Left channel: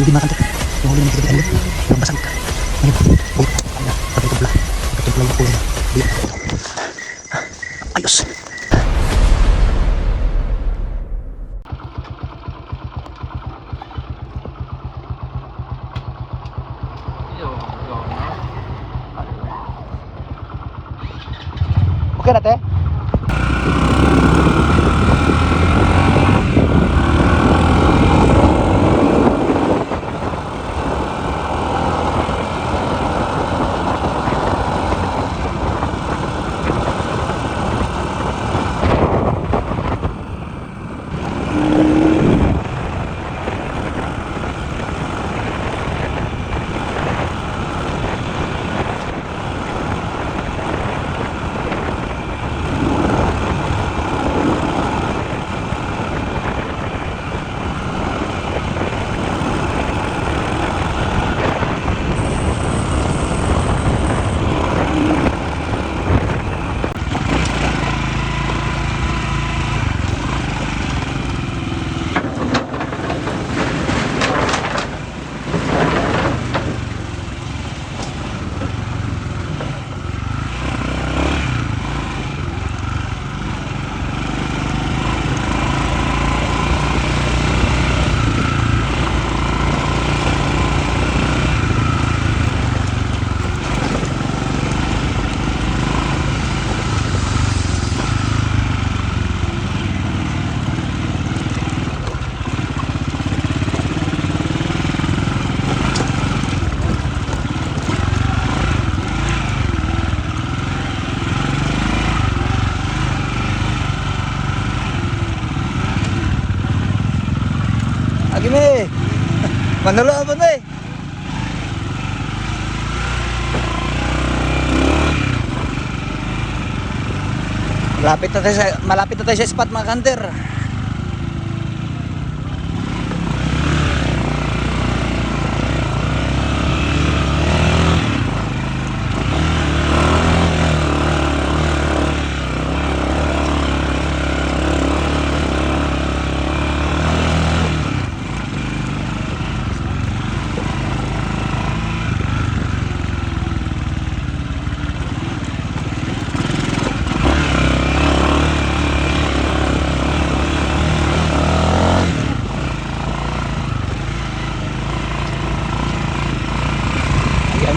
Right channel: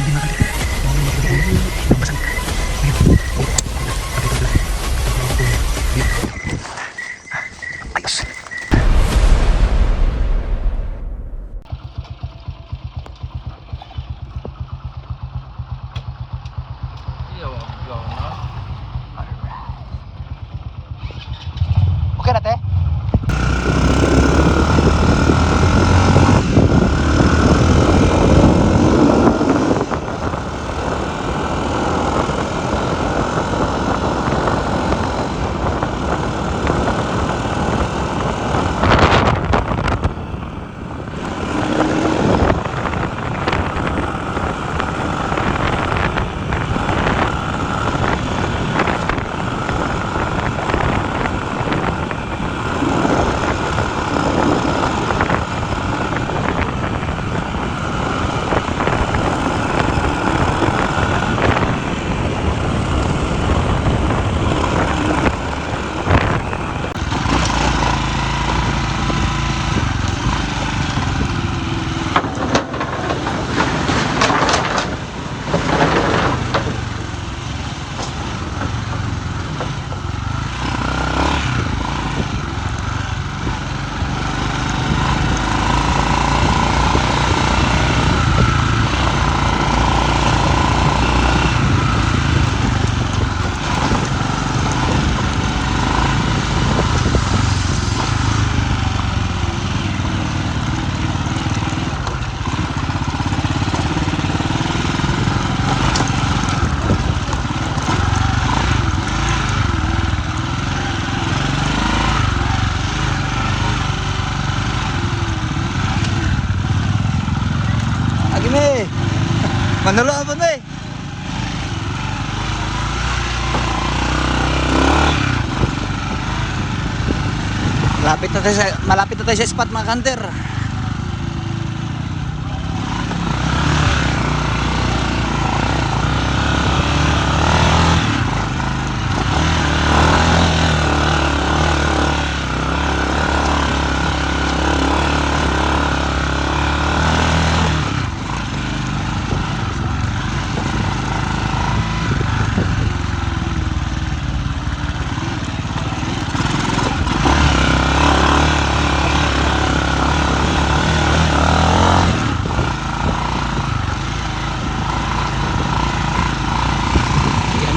Hindi makan tek. Yung hindi makan tek. Yung basang ka. Ayun. Oh, ayun. Patay ko pala. Patay ko pala. Ayos. Okay na te? Agime. Manalo apa nih? Malapit na tayo sa spot mga kanter.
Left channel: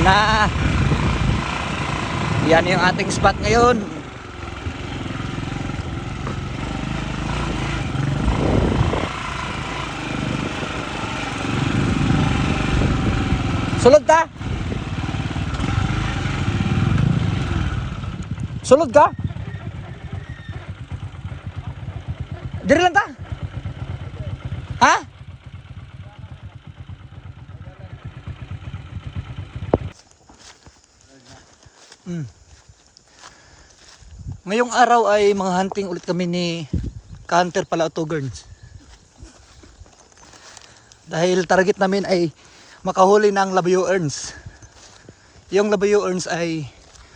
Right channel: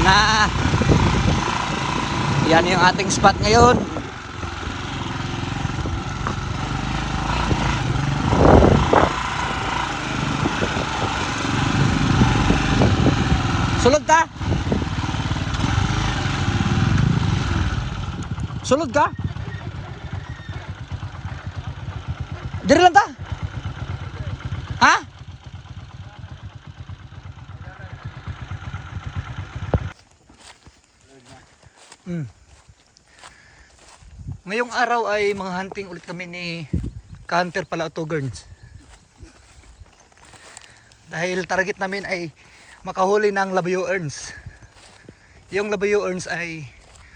Na yan yung ating spot ngayon. Sulod ka? Sulod ka? Diri lang ta? Ha? Ngayong araw ay mga hunting ulit kami ni Hunter pala Autogerns. Dahil target namin ay makahuli ng labuyo earns. Yung labuyo earns ay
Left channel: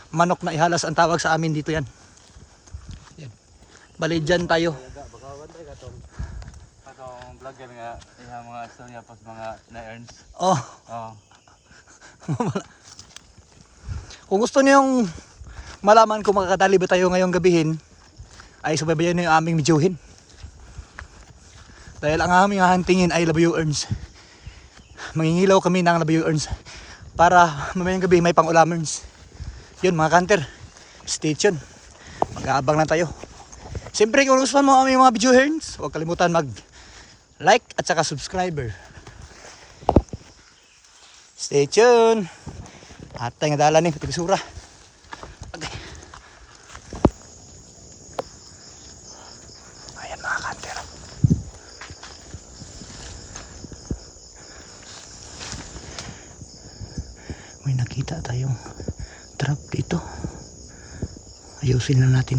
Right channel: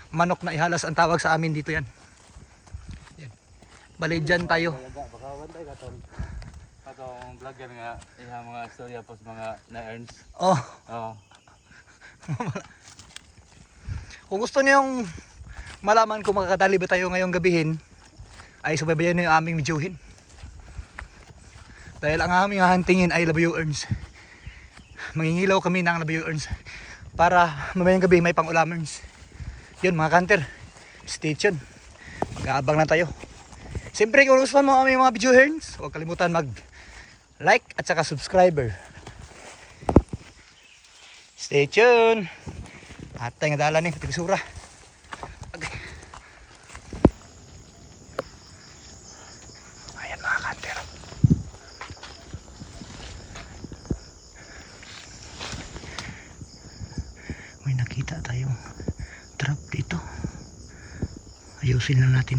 manok na ihalas ang tawag sa amin dito yan. Yan. Bali dyan tayo. Katong vlogger nga iha mga storya pos mga na-earns. Oh. Oo. Kung gusto niyo yung malaman kung makakatali ba tayo ngayong gabihin, ay subaybayan niyo yung aming videohin. Dahil ang aming huntingin ay labuyo earns. Mangingilaw kami ng labuyo earns para mamayang gabi may pang-ulamers. Yun mga kanter, stay tuned. Mag-aabang na tayo. Siyempre kung gusto mo aming mga videohens, huwag kalimutan mag-like at saka subscriber. Stay tuned. At tayo nga dala ni Tigsura. Okay. Ayan mga kanter. May nakita tayong trap dito. Ayusin lang natin.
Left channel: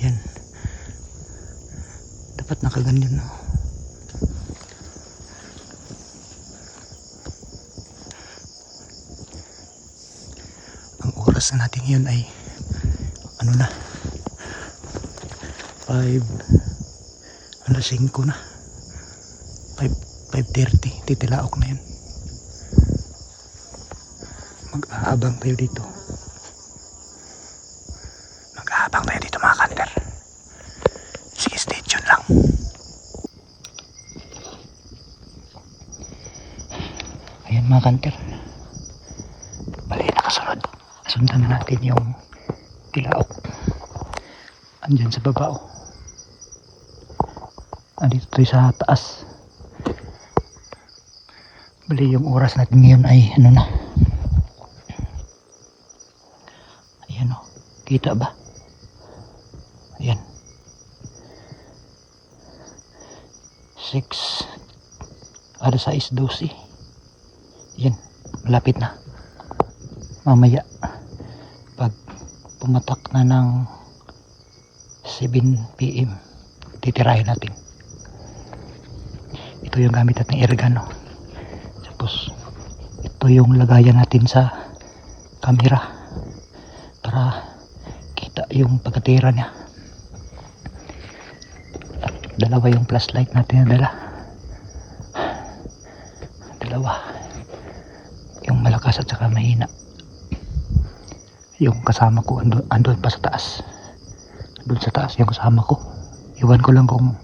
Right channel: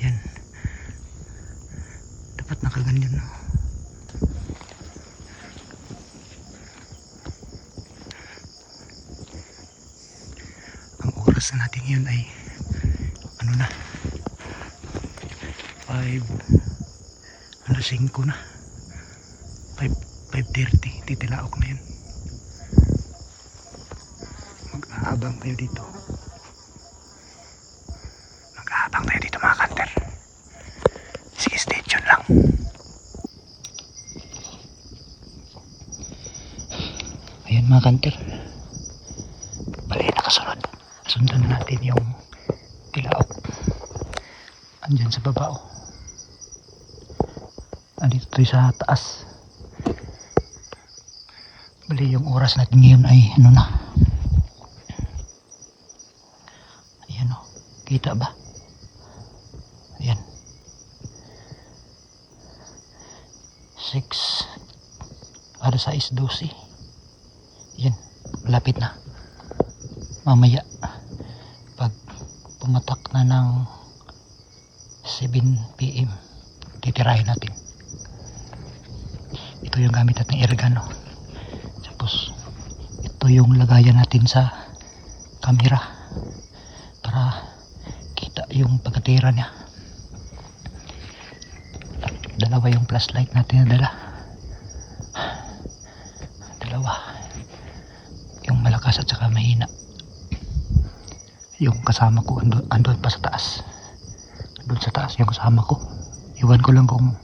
Ayan. Dapat nakaganyan, no? Ang oras na natin yun ay ano na, 5:05 na, 5 5:30, titilaok na yun. Mag-aabang tayo dito. Mag-aabang tayo dito mga kanter. Sige, stay tuned lang. Ayan mga kanter. Bali, nakasunod. Nasundan na natin yung tilaok. Andyan sa baba oh. Andito tayo sa taas. Bali, yung oras natin ngayon ay ano na. Ayan oh. Kita ba? Ayan. 6:12. Ayan. Malapit na. Mamaya pag pumatak na ng 7 PM titirahin natin. Ito yung gamit natin airgun. Tapos ito yung lagayan natin sa camera para kita yung pagkatira niya. Dalawa yung flashlight natin na dala. Dalawa. Yung malakas at saka mahina. Yung kasama ko andun pa sa taas. Doon sa taas yung kasama ko. Iwan ko lang kung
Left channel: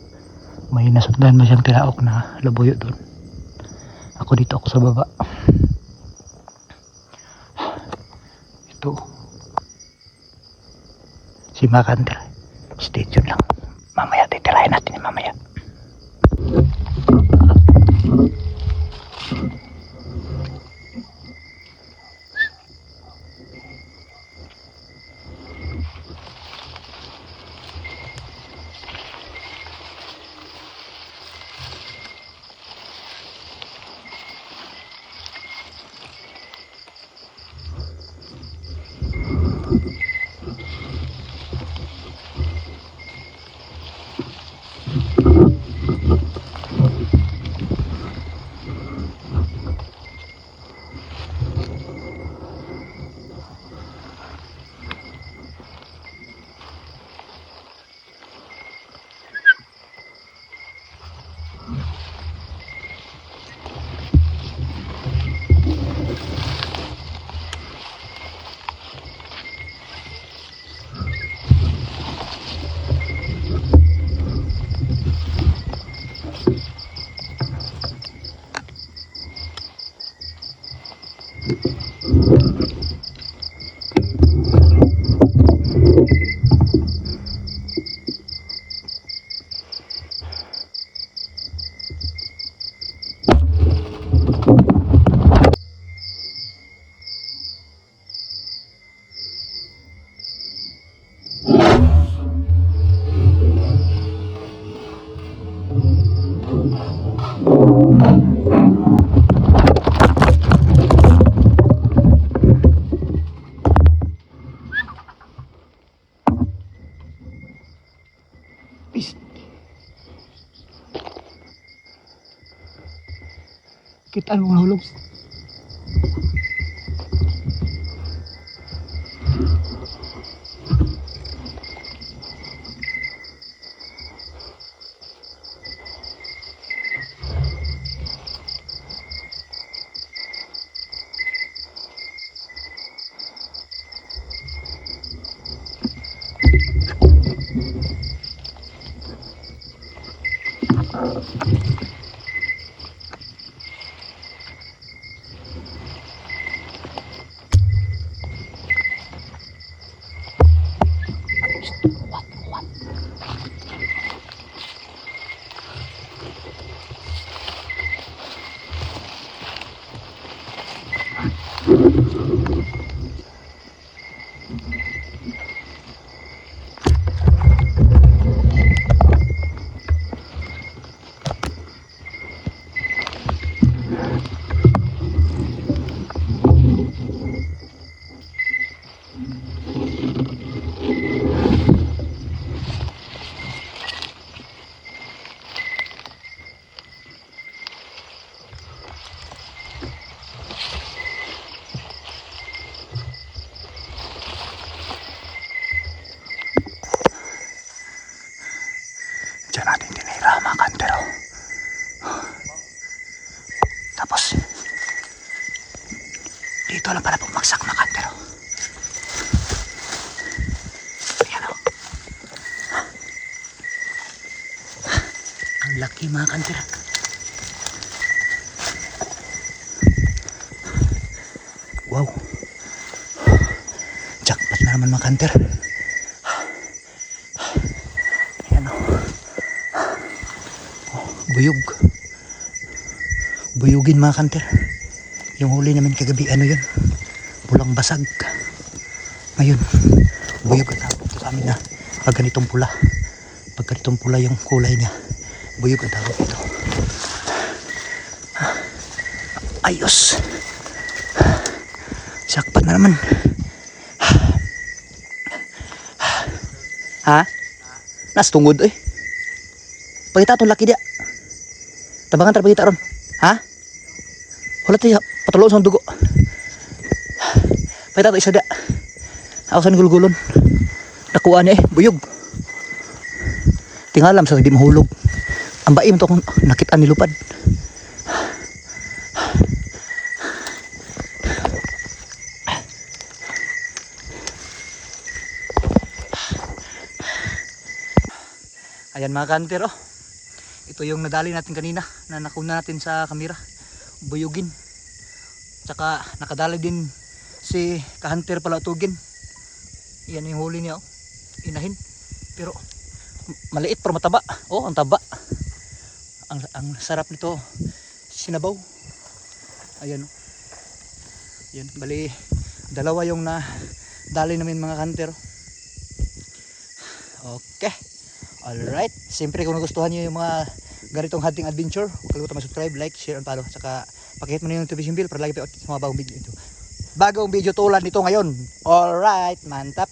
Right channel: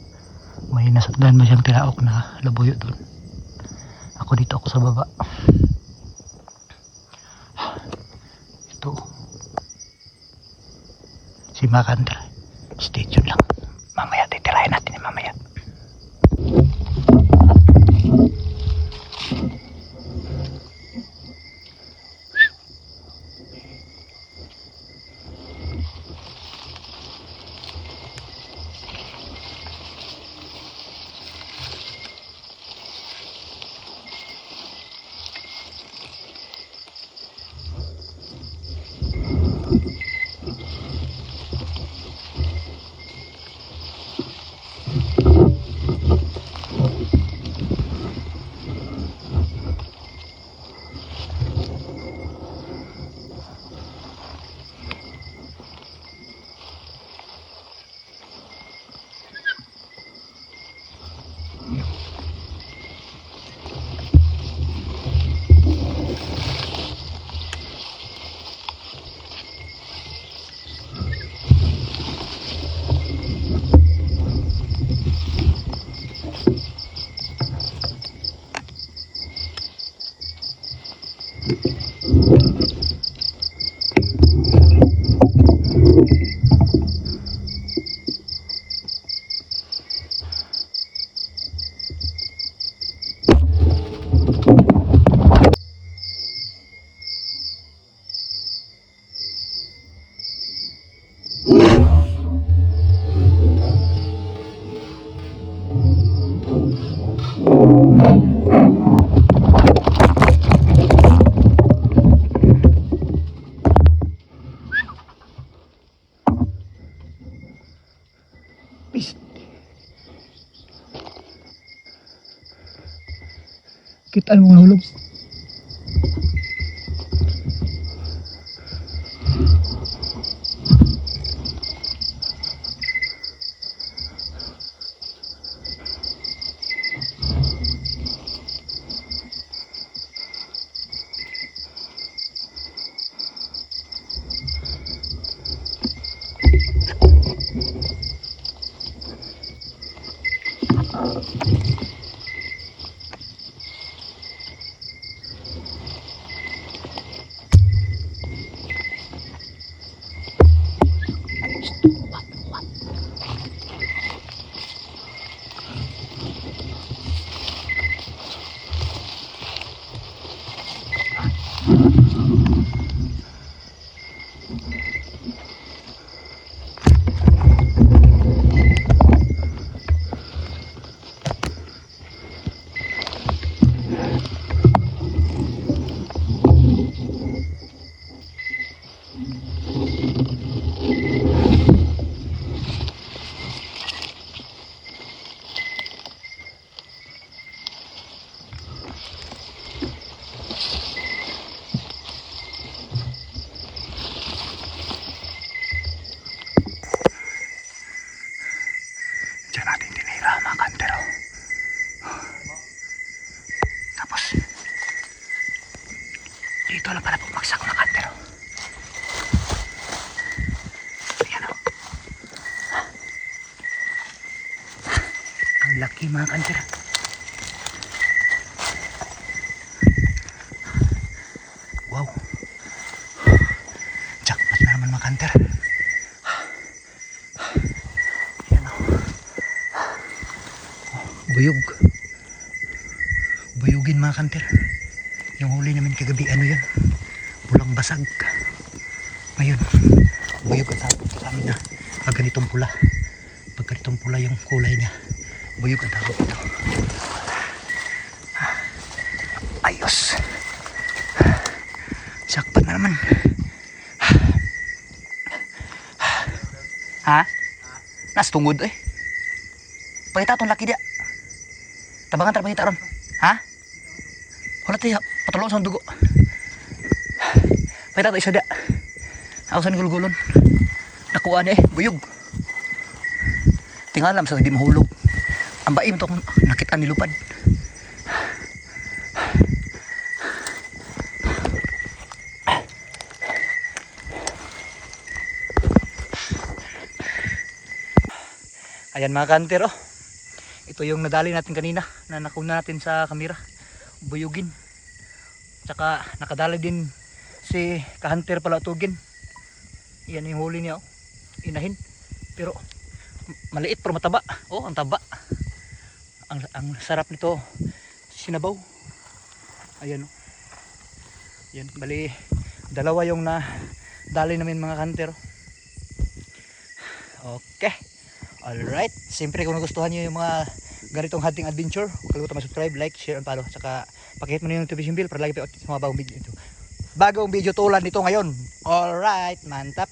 may nasundan mo siyang tilaok na labuyo doon. Ako dito ako sa baba. Ito. Si Makanter. Stay tuned lang. Mamaya titirahin natin mamaya. Kita mo nahulog. laki mga kanter. Wow. Jackpot na naman mga kanter. Ayan o. Buyog. Buyugin mga kanter. Yung huli namin kagabi, ano yun? Pulang basag. Ngayon, buyog ang tawag ito sa amin na pag ganitong pula. Pag ganitong pula yung kulay niya, buyog ang tawag ito. Ayos. Sakpat na naman. Ha? Nas tungod eh. Pagkita itong laki dia. Tabangan terpagkita ron. Ha? Wala tayo patuloy sa dugo. Pagkita ito isa dia. Ako sa nagulgulon. Nakuha niya eh. Buyog. Tingalam sa hindi mahulog. Ang baim to kung nakita nilupad. Ayan mga kanter oh. Ito yung nadali natin kanina na nakuna natin sa kamera. Buyugin. Tsaka nakadali din si kahunter pala tugin. Yan yung huli niya oh. Inahin. Pero maliit pero mataba. Oh, ang taba. Ang sarap nito. Sinabaw. Ayan oh. Yan, bali dalawa yung na dali namin mga kanter. Okay. Alright, siyempre kung nagustuhan nyo yung mga ganitong hunting adventure, huwag kalimutan mag-subscribe, like, share, and follow. Saka pakihit mo na yung notification bell para lagi pa yung mga bagong video. Bagong video tulad nito ngayon. Alright, mantap.